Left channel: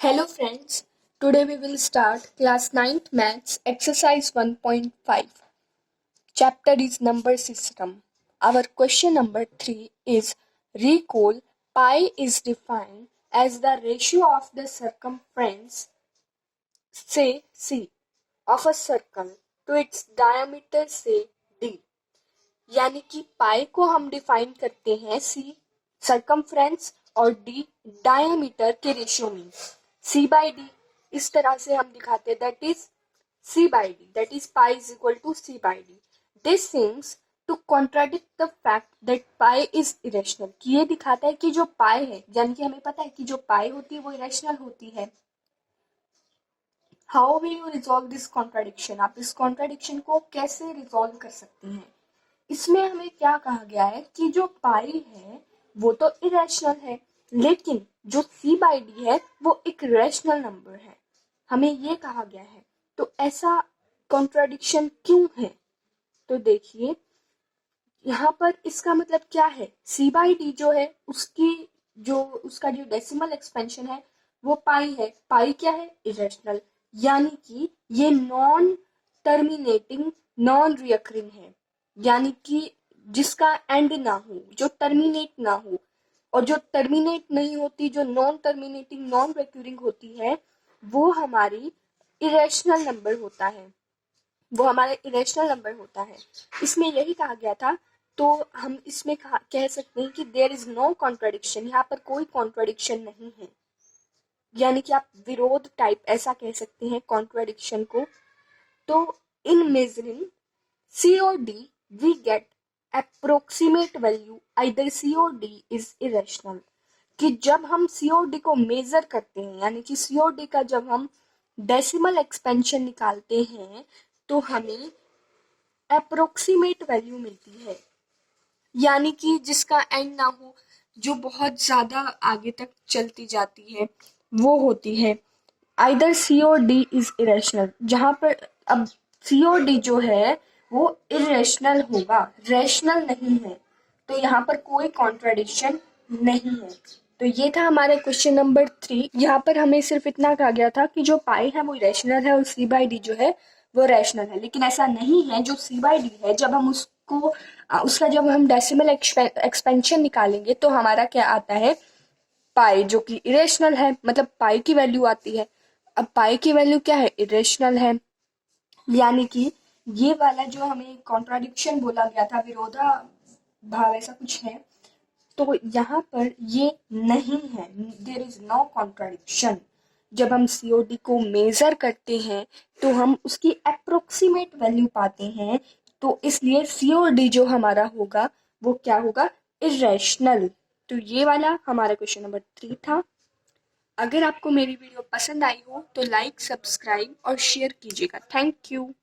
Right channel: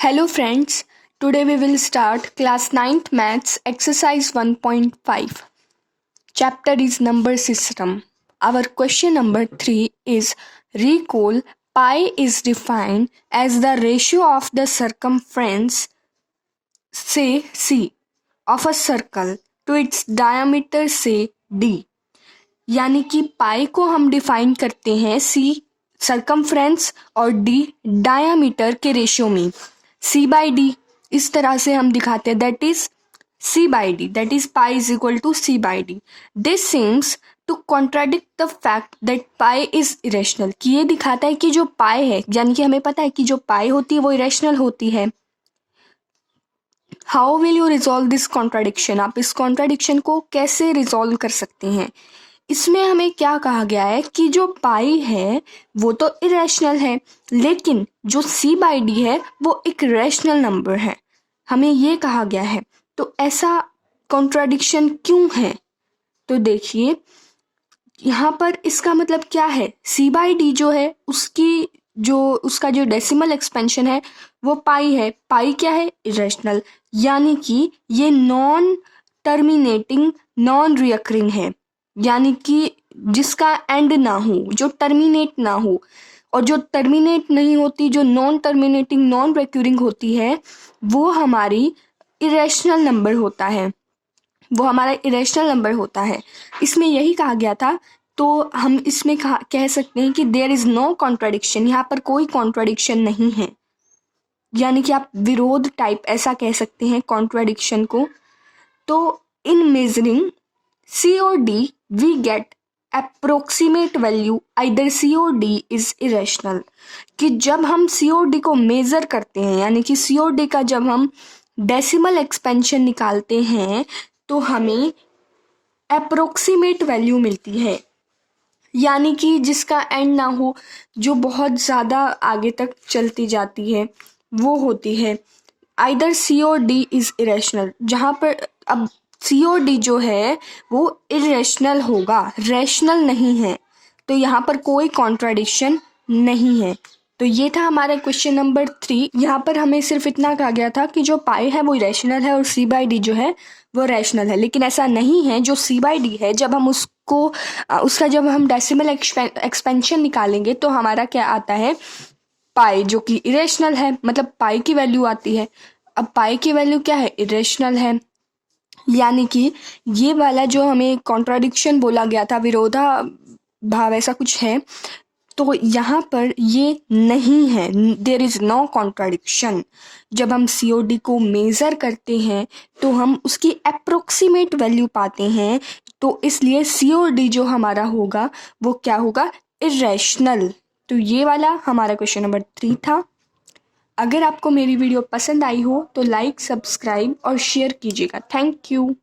Hello friends, today we will start class 9th maths exercise 1.5. Chapter is number system. Our question number 3 is recall pi is defined as the ratio of the circumference say C of a circle to its diameter say D. यानी कि पाई को हम define करते हैं सी circumference और D diameter के ratio में सी by D इस तरह से हम दिखाते हैं that is C by D that is pi is equal to C by D this seems to contradict the fact that pi is irrational कि ये दिखाता है कि जो पाई है यानी कि हमें पता है कि जो पाई होती है वो इरेशनल होती है। How will you resolve this contradiction, आप इस कॉन्ट्राडिक्शन को कैसे रिजॉल्व कर सकते हैं। इसमें हमें क्या कहा गया है कि जो पाई है वो तो इरेशनल है लेकिन जो सी बाई डी है वो एक रैशनल नंबर है, हमें ये कहा गया है। तो ऐसा कॉन्ट्राडिक्शन क्यों है, तो देखिए यहाँ पर इसका मतलब क्या है, सी बाई डी जो है उसका जो डेसिमल एक्सपेंशन है वो पाई है, पाई क्या है इरेशनल, यानी कि ये नॉन टर्मिनेटिंग नॉन रिकरिंग है, यानी कि जिसका एंड ना हो, जो टर्मिनेट ना हो, और जो टर्मिनेट नहीं होती, जो नॉन टर्मिनेटिंग नॉन रिकरिंग होती है वो हमारी इरेशनल नंबर होता है, वो हमारा इरेशनल नंबर होता है। इसमें यही कहा गया था, तो हम इसमें कह सकते हैं कि देयर इज नो कॉन्ट्राडिक्शन, यहाँ पर कोई कॉन्ट्राडिक्शन नहीं है, यानी कि आप विरोध टाइप ऐसा कह सकते हैं कॉन्ट्राडिक्शन को। तो इन मेजरिंग सी और D we get approximate value either C और डी इज इरेशनल, कि जब हम सी और डी को मेजर करते हैं यानी कि सी और डी का जब हम डेसिमल एक्सपेंशन निकालते हैं तो हमें अप्रोक्सीमेट वैल्यू मिलती है, यानी कि जिसका एंड ना हो, जो बहुत ज़्यादा आगे तक चलती जाती है वो होती है आइदर सी और डी इज इरेशनल, जहाँ पर अब सी और डी जो है वो इरेशनल होगा, रैशनल नहीं है, तो यहाँ पर कोई कॉन्ट्राडिक्शन नहीं है। तो ये था हमारा क्वेश्चन नंबर 3। यहाँ पर हमें सिर्फ इतना कहा गया था कि जो पाई है वो इरेशनल है और सी बाई डी जो है वो रैशनल है, लेकिन ऐसा नहीं है। जो सी बाई डी है जब हम उसका जब हम डेसिमल एक्सपेंशन निकालेंगे तो हमारा क्या आता है, पाई, जो कि इरेशनल है, मतलब पाई की वैल्यू आती है। अब पाई की वैल्यू क्या है, इरेशनल है, यानी कि ये वाला जो हमें कॉन्ट्राडिक्शन बोला गया था, विरोधा भाव ऐसा कुछ है, तो यहाँ पर ये नहीं है, देयर इज नो कॉन्ट्राडिक्शन। जब हम सी ओ डी को मेज़र करते हैं तो हम उसकी अप्रोक्सीमेट वैल्यू पाते हैं, तो इसलिए सी ओ डी जो हमारा होगा वो क्या होगा, इरेशनल। तो ये वाला हमारा क्वेश्चन नंबर 3 था। अगर आपको मेरी वीडियो पसंद आई हो तो लाइक, सब्सक्राइब और शेयर कीजिएगा। Thank you.